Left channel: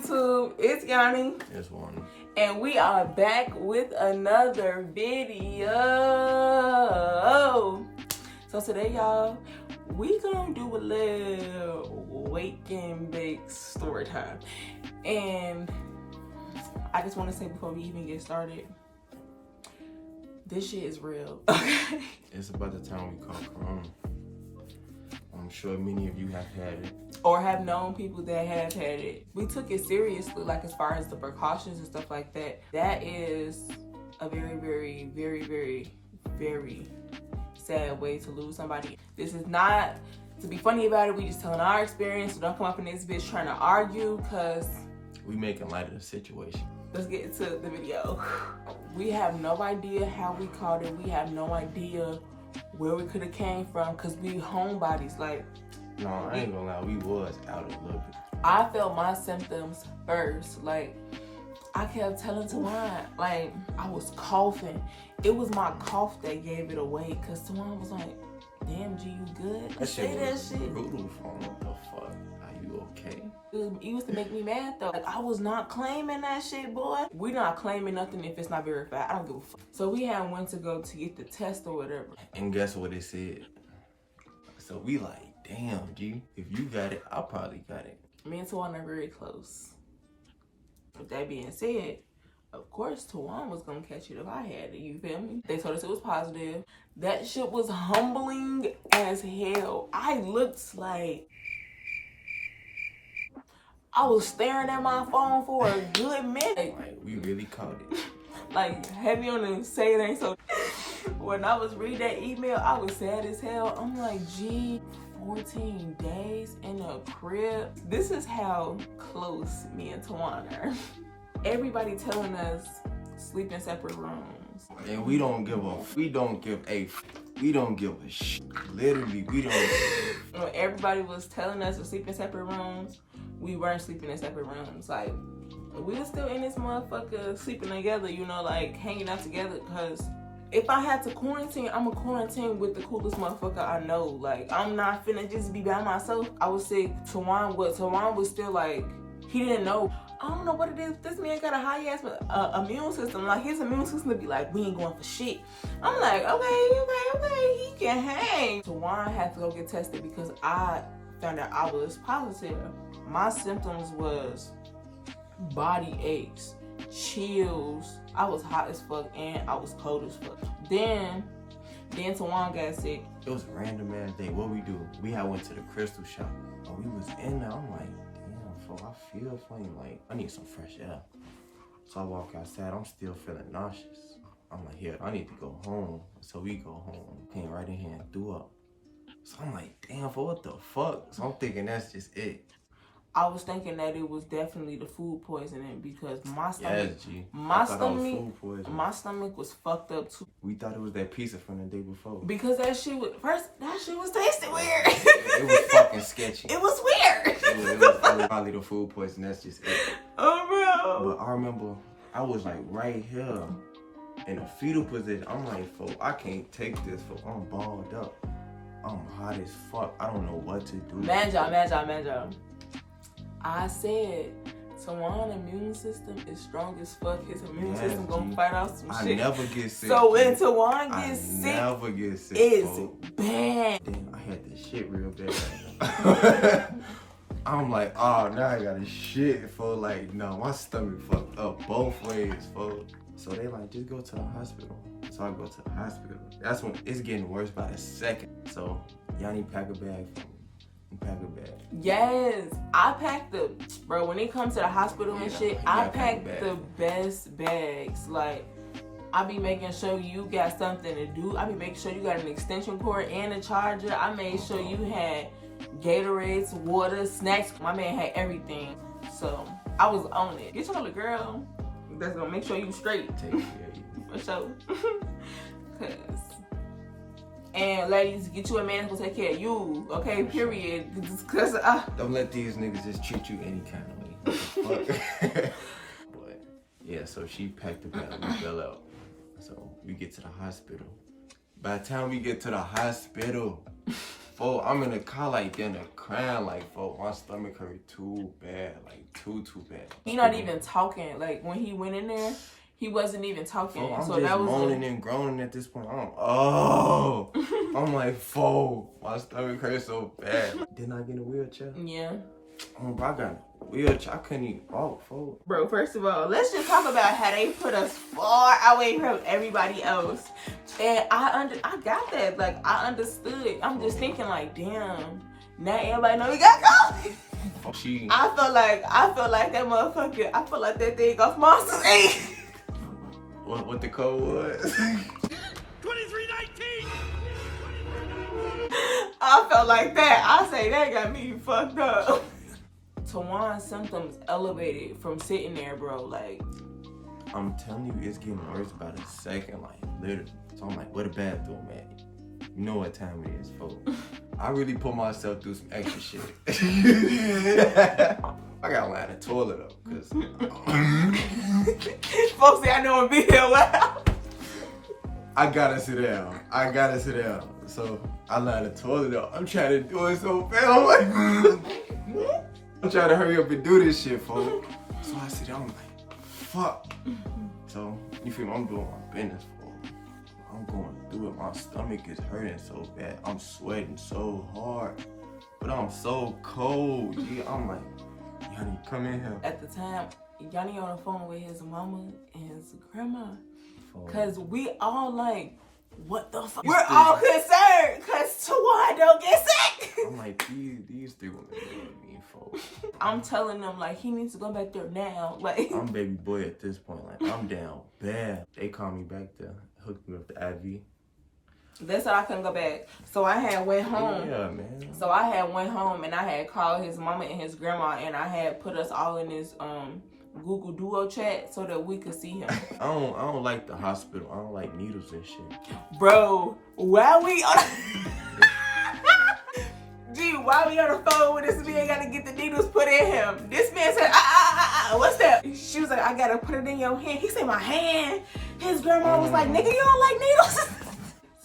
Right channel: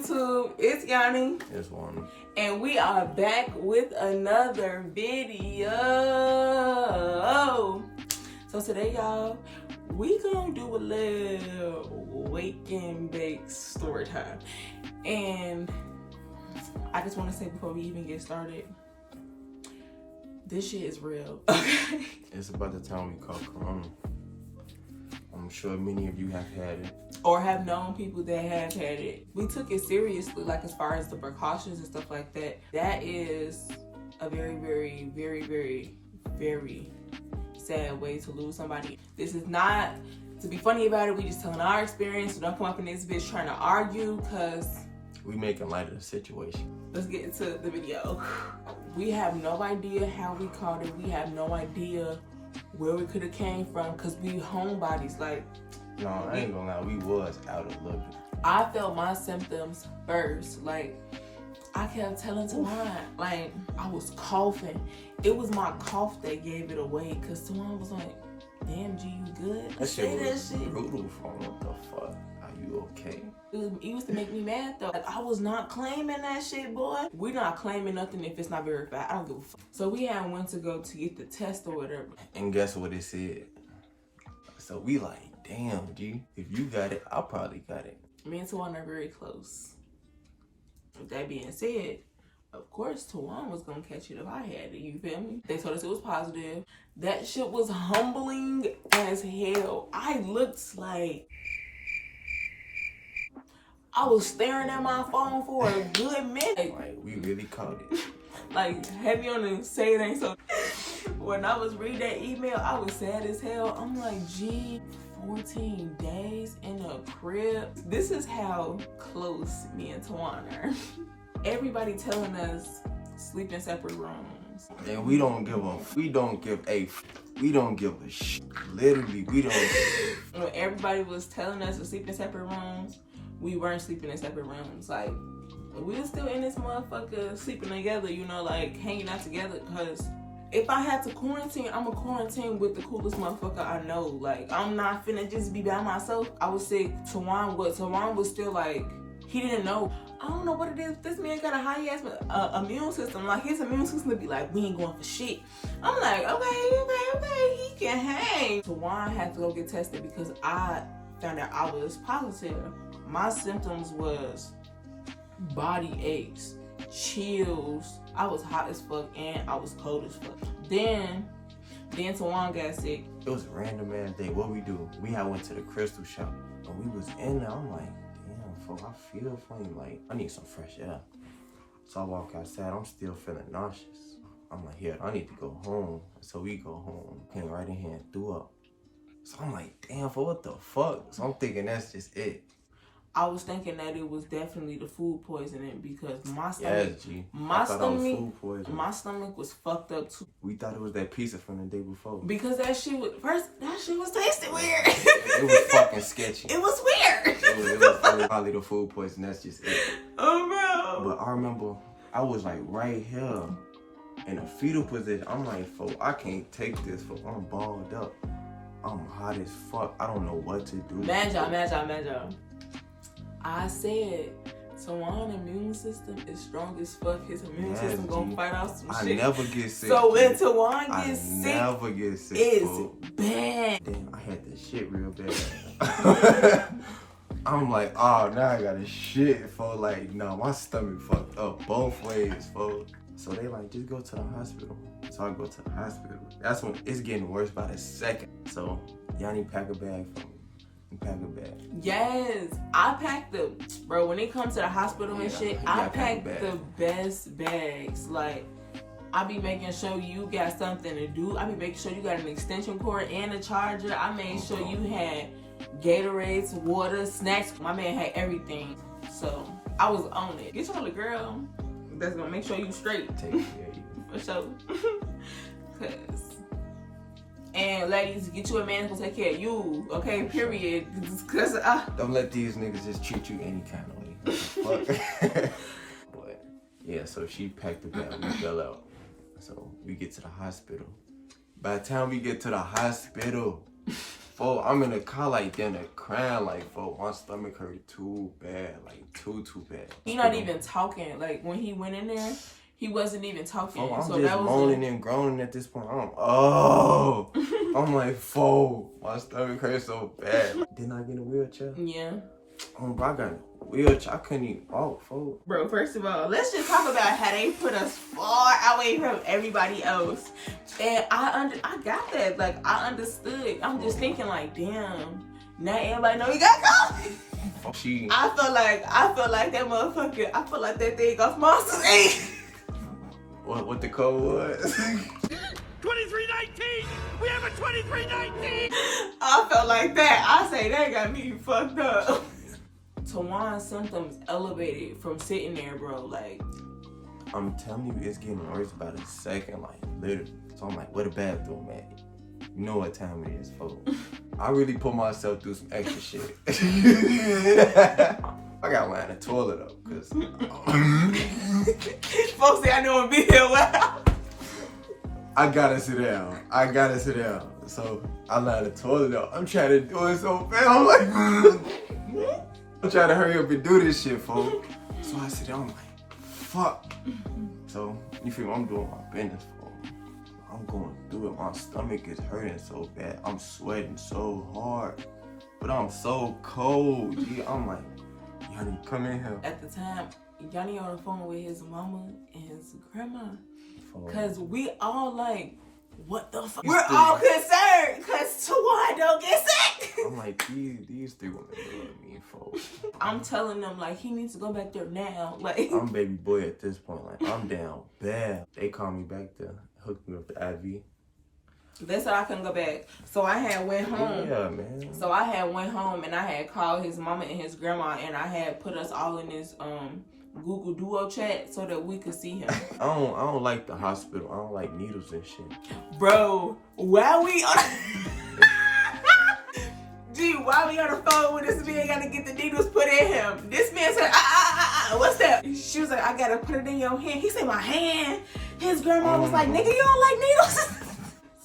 YouTube? It's Yanni. It's one. And we are back with another video. So today, y'all, we gonna do a little wake and bake story time. And I just want to say before we even get started, this shit is real. It's about the time we call Corona. I'm sure many of you have had it. Or have known people that have had it. We took it seriously, like as far as the precautions and stuff like that. That is a very, very, very, very, very sad way to lose somebody. This is not to be funny about it. We just telling our experience. So don't come up in this bitch trying to argue, because we making light of the situation. Let's get into the video. We have no idea how we caught it. We have no idea where we could have came from, because we homebodies. Like, no, I ain't gonna lie, we was out a little bit. I felt my symptoms first. Like, I kept telling Tawan, like, I was coughing. It was my cough that gave it away, because Tawan was like, damn, G, you good? That shit was brutal for him. What the fuck? Are you okay? It used to make me mad though. Like, I was not claiming that shit, boy. We not claiming nothing if it's not verified. I don't give a fuck. So we had went to go to get the test or whatever. And guess what it said? So we like, damn, G, if you got it, I probably got it. Me and Tawan are very close. With that being said, of course Tawan was gonna catch it if I had it, you feel me? They told us it was positive. That shit was humbling as hell. I looked like I was staring at my phone for a good minute. Like, we really caught it. Like, heavy on the say it ain't so. When I was reading that email, I was sad as hell. I'm like, gee, 14 days in a crib. This is how close me and Tawan are. Everybody telling us sleep in separate rooms. And we don't give a shit. Literally, we don't. When everybody was telling us to sleep in separate rooms, we weren't sleeping in separate rooms. Like, we were still in this motherfucker sleeping together, you know, like hanging out together. Because if I had to quarantine, I'm a quarantine with the coolest motherfucker I know. Like, I'm not finna just be by myself. I was sick. Tawan was still like, he didn't know. I don't know what it is. This man got a high ass immune system. Like, his immune system would be like, we ain't going for shit. I'm like, okay, he can hang. Tawan had to go get tested because I found out I was positive. My symptoms was body aches, chills. I was hot as fuck and I was cold as fuck. Then Tawan got sick. It was a random ass day. What we do? We had went to the crystal shop. And we was in there. I'm like, damn, fuck, I feel funny. Like, I need some fresh air. So I walk outside. I'm still feeling nauseous. I'm like, yeah, I need to go home. So we go home. Came right in here and threw up. So I'm like, damn, for what the fuck? So I'm thinking that's just it. I was thinking that it was definitely the food poisoning, because my stomach was fucked up too. We thought it was that pizza from the day before. Because that shit was tasting weird. It was fucking sketchy. It was weird. It was probably the food poison. That's just it. Oh, bro. But I remember I was like right here in a fetal position. I'm like, folks, I can't take this, folks. I'm balled up. I'm hot as fuck. I don't know what to do. Man, y'all. I said, Tawan's immune system is strong as fuck. His immune system gonna fight off some shit. I never get sick. So when Tawan gets sick, I never get sick. It's bad. Damn, I had this shit real bad. I'm like, oh, now I got a shit, for like, no, my stomach fucked up both ways, folks. So they like, just go to the hospital. So I go to the hospital. That's when it's getting worse by the second. So Yanni pack a bag for me. Pack a bag. Yes, I packed bro, when it comes to the hospital and shit, I packed the best bags. Like, I be making sure you got something to do. I be making sure you got an extension cord and a charger. I made sure you had Gatorades, water, snacks. My man had everything. So I was on it. Get your little girl that's gonna make sure you straight. Take care of you. For sure. And ladies, get you a man who's gonna take care of you, okay? Period. Cause don't let these niggas just treat you any kind of way. But yeah, so she packed the bag. We fell out. So we get to the hospital. By the time we get to the hospital, Fo, I'm in the car like then the crying like fo, my stomach hurt too bad, like too bad. He not even talking. Like when he went in there, he wasn't even talking. Fo, I'm so just that was moaning and groaning at this point. I'm like, fo, my stomach hurt so bad. Didn't I get in a wheelchair? Yeah. Oh, bro, I got in a wheelchair. I couldn't even walk, fo. Bro, first of all, let's just talk about how they put us far away from everybody else. And I got that. Like, I understood. I'm just thinking like, damn, now everybody know you got COVID. I feel like that motherfucker, I feel like that thing off Monsters Inc. What the code was? 2319! We have a 2319! I felt like that. I say that got me fucked up. Tawan's symptoms elevated from sitting there, bro. Like, I'm telling you, it's getting worse by the second, like literally. So I'm like, where the bathroom at? You know what time it is, folks. I really put myself through some extra shit. I got to line the toilet up, cause folks say I know I'm being loud. I gotta sit down. So I line the toilet up. I'm trying to do it so bad. I'm like, I'm trying to hurry up and do this shit, folks. So I sit down, I'm like, fuck. So you feel me? I'm doing my business, folks. I'm going through it. My stomach is hurting so bad. I'm sweating so hard, but I'm so cold. Yeah, I'm like, Yanni, come in here. At the time, Yanni on the phone with his mama and his grandma. Cause we all like, what the fuck? We're all concerned cause Tawan don't get sick. I'm like, these three women love me, folks. I'm telling them like he needs to go back there now. Like I'm baby boy at this point. Like I'm down bad. They called me back to hook me up the IV. They said I couldn't go back. So I had went home. Yeah, man. So I had went home and I had called his mama and his grandma and I had put us all in this Google Duo chat so that we could see him. I don't like the hospital. I don't like needles and shit. Bro, while we on while we on the phone with this man gotta get the needles put in him. This man said, what's that? She was like, I gotta put it in your hand. He said, my hand. His grandma was like, nigga, you don't like needles?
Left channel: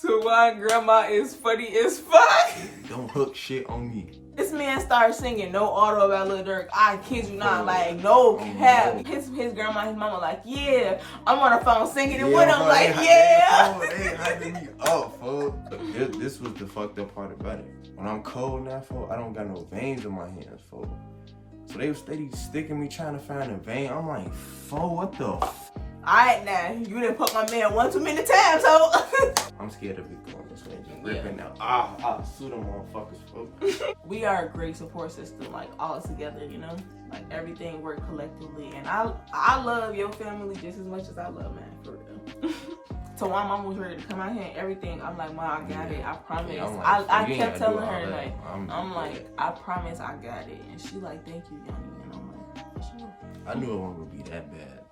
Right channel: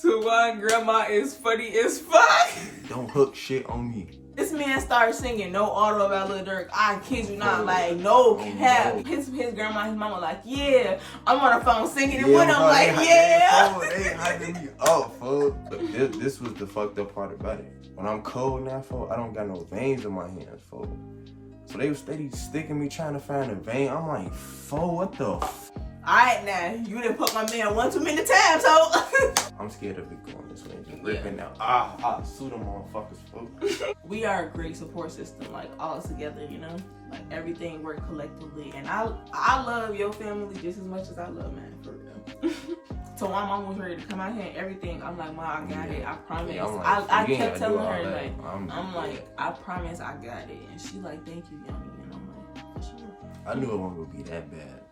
Tawan grandma is funny as fuck. Don't hook shit on me. This man started singing No Auto about Lil Durk. I kid you not, like no cap. No. His grandma, his mama like, yeah. I'm on the phone singing it Yeah, with him, like, yeah. They hyping me up, folks. This was the fucked up part about it. When I'm cold now, folks, I don't got no veins in my hands, folks. So they was steady sticking me trying to find a vein. I'm like, folks, what the Alright now, you didn't put my man one too many times, so I'm scared of it going this way and just ripping out. Sue them motherfuckers, folks. We are a great support system, like all together, you know? Like everything work collectively. And I love your family just as much as I love mine, for real. So my mom was ready to come out here and everything. I'm like, Mom, I got it. I promise. Yeah, like, I kept telling her, that. like, I'm like, I promise I got it. And she like, thank you, Yanni. And I'm like, sure. I knew it wasn't gonna be that bad.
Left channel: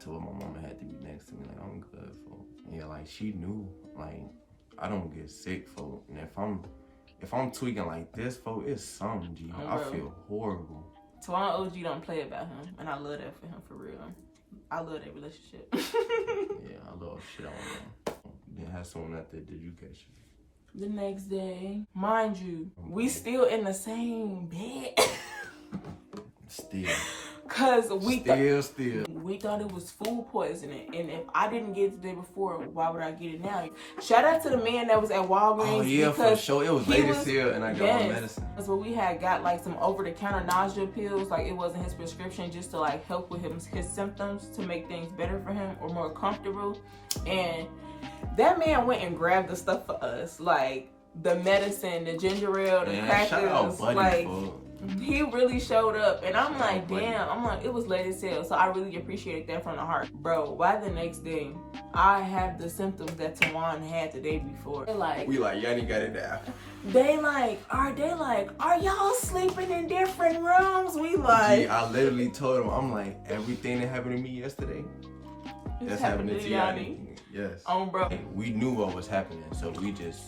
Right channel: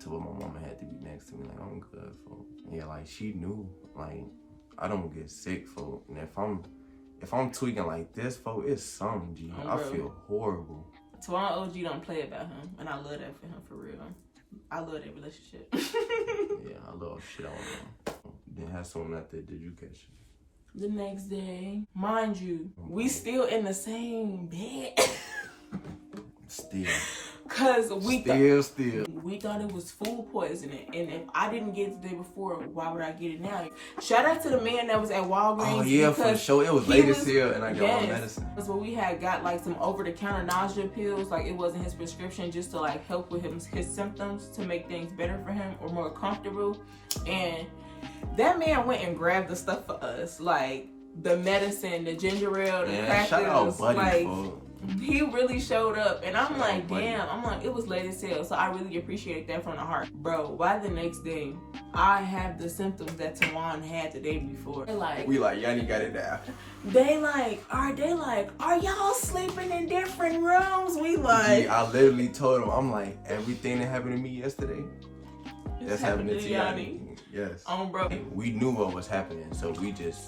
To what my mama had to be next to me, like I'm good, folks. Yeah, like she knew, like I don't get sick, folks. And if I'm tweaking like this, folks, it's something, G. I feel horrible. Tawan OG don't play about him, and I love that for him, for real. I love that relationship. Yeah, I love shit on him. Then have someone out there. Did you catch it? The next day, mind you, we still in the same bed. Still. Cause we thought it was food poisoning, and if I didn't get it the day before, why would I get it now? Shout out to the man that was at Walgreens. Oh yeah, for sure. It was late as hell, and I got my medicine. That's what we had got, like some over-the-counter nausea pills. Like it wasn't his prescription, just to like help with his symptoms to make things better for him or more comfortable. And that man went and grabbed the stuff for us, like the medicine, the ginger ale, the crackers, shout out, buddy, like. folks. He really showed up, and I'm like, damn. I'm like, it was late as hell, so I really appreciate that from the heart, bro. Why the next day I have the symptoms that Tawan had the day before? They're like, we like Yanni got it now. They like, are y'all sleeping in different rooms? We like, Yeah, I literally told him, I'm like, everything that happened to me yesterday, that's happening to Yanni. Yes. Bro. We knew what was happening, so we just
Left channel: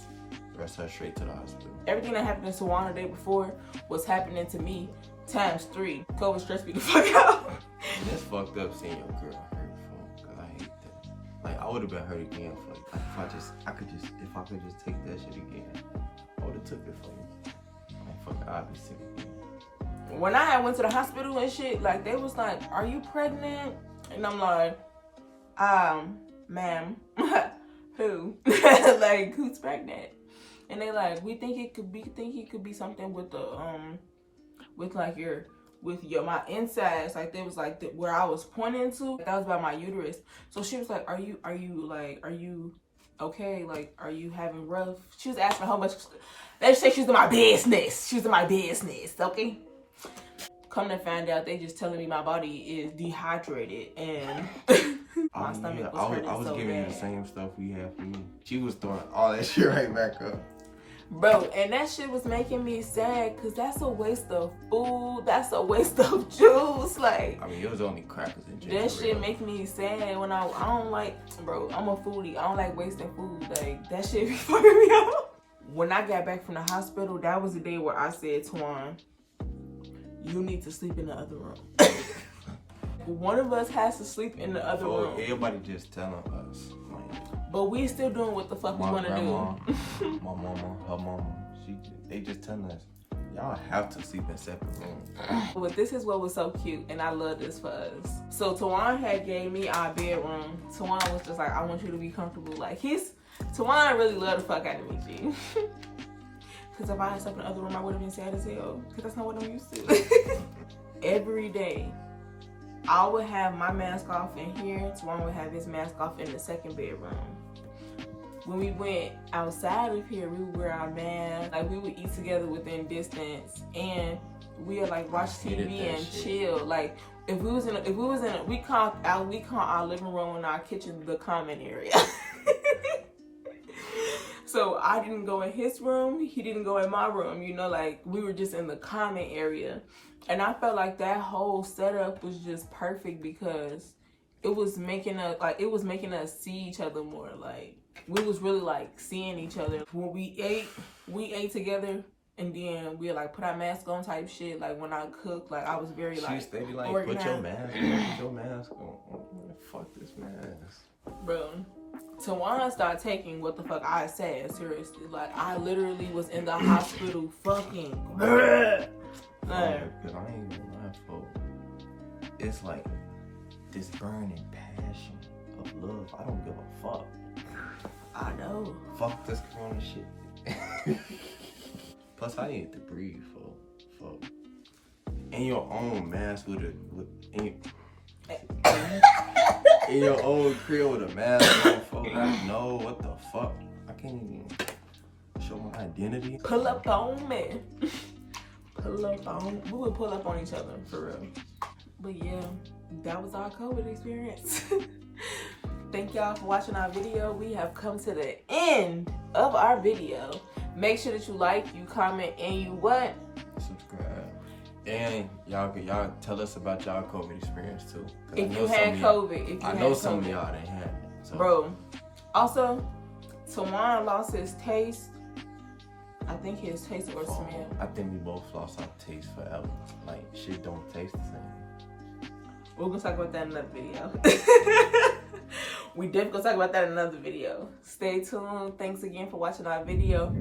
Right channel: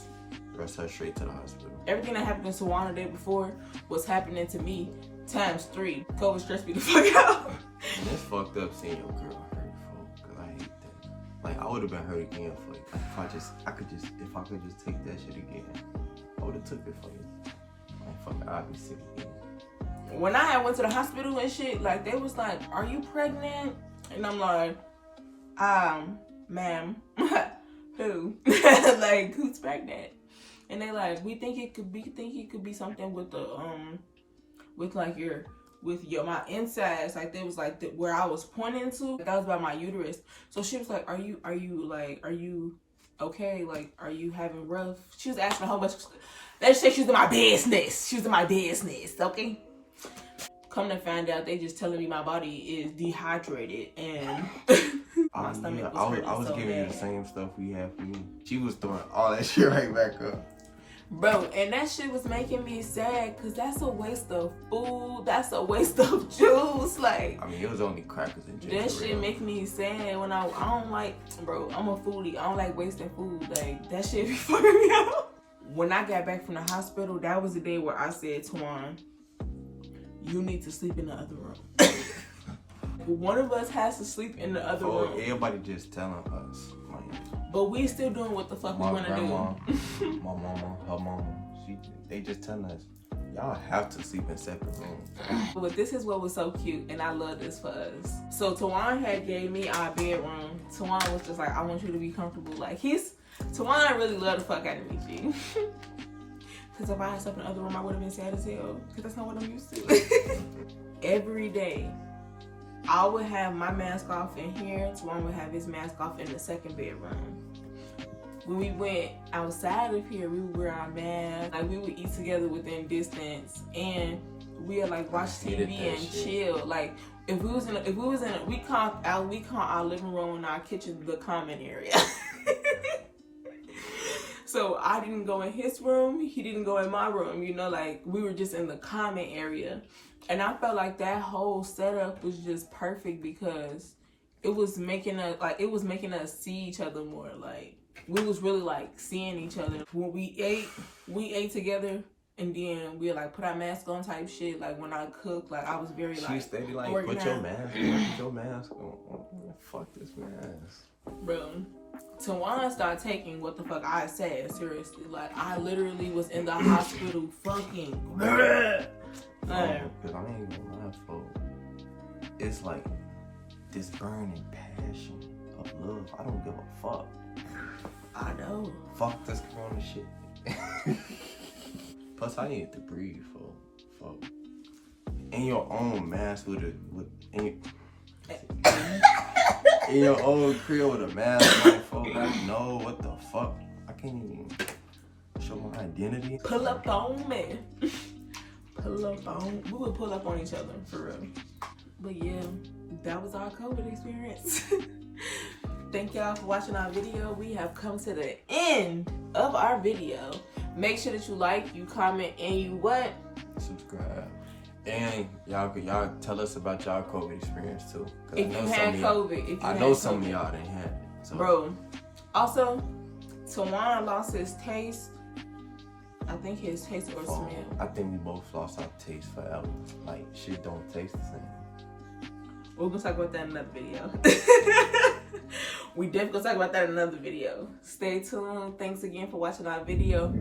rushed her straight to the hospital. Everything that happened to Tawan the day before was happening to me ×3. COVID stressed me the fuck out. It's fucked up seeing your girl hurt, folks, cause I hate that. Like, I would have been hurt again for you. Like if I could just take that shit again, I would have took it for you. Like fuck, I'd be sick again. When I went to the hospital and shit, like they was like, "Are you pregnant?" And I'm like, ma'am, who? Like who's pregnant? And they like, we think it could be something with the with like my insides. Like they was like where I was pointing to, that was by my uterus. So she was like, are you okay? Like, are you having rough? She was asking how much. Let's say she's in my business. She was in my business, okay? Come to find out, they just telling me my body is dehydrated and my stomach was hurting. I was so giving you bad. the same stuff we had for me. She was throwing all that shit right back up. Bro, and that shit was making me sad because that's a waste of food. That's a waste of juice. Like, I mean, it was only crackers and ginger that shit ale. make me sad when I don't like, bro, I'm a foodie. I don't like wasting food. Like, that shit be fucking me out. When I got back from the hospital, that was the day where I said, Twan, you need to sleep in the other room. One of us has to sleep in the other room. Everybody just telling us. Like, But we still doing what the fuck we my want to grandma, do. my mama, her mama, they just telling us, y'all have to sleep in separate rooms. But this is what was so cute, and I love this for us. So Tawan had gave me our bedroom. Tawan was just like, I want you to be comfortable. Like Tawan really loved the fuck out of me, G. Because if I had slept in the other room, I would have been sad as hell. Because that's not what I'm used to. Every day, I would have my mask off in here. Tawan would have his mask off in the second bedroom. When we went outside of here, we would wear our masks. Like, we would eat together within distance, and we would like watch TV and chill. Like, we call our living room and our kitchen the common area. So I didn't go in his room, he didn't go in my room, you know, like we were just in the common area. And I felt like that whole setup was just perfect because it was making us see each other more. Like, we was really like seeing each other. When we ate together, and then we like put our mask on type shit. Like when I cooked, like I was very like, she steady like, put your mask on. Fuck this mask. Bro, Tawan started taking what the fuck I said seriously. Like, I literally was in the hospital fucking. Like, Because I ain't gonna lie, folks. It's like this burning passion of love. I don't give a fuck. I know. Fuck this corona shit. Plus, I need to breathe, folks. In your own mask in your own crib with a mask on, folks. Like, no, what the fuck? I can't even show my identity. Pull up on me. Pull up on. We would pull up on each other, for real. But yeah, that was our COVID experience. Thank y'all for watching our video. We have come to the end of our video. Make sure that you like, you comment, and you what? Subscribe. And y'all tell us about y'all COVID experience too. If you had COVID. I know some of y'all didn't have it. So. Bro. Also, Tawan lost his taste. I think his taste or smell. I think we both lost our taste forever. Like, shit don't taste the same. We're gonna talk about that in another video. We definitely gonna talk about that in another video. Stay tuned. Thanks again for watching our video.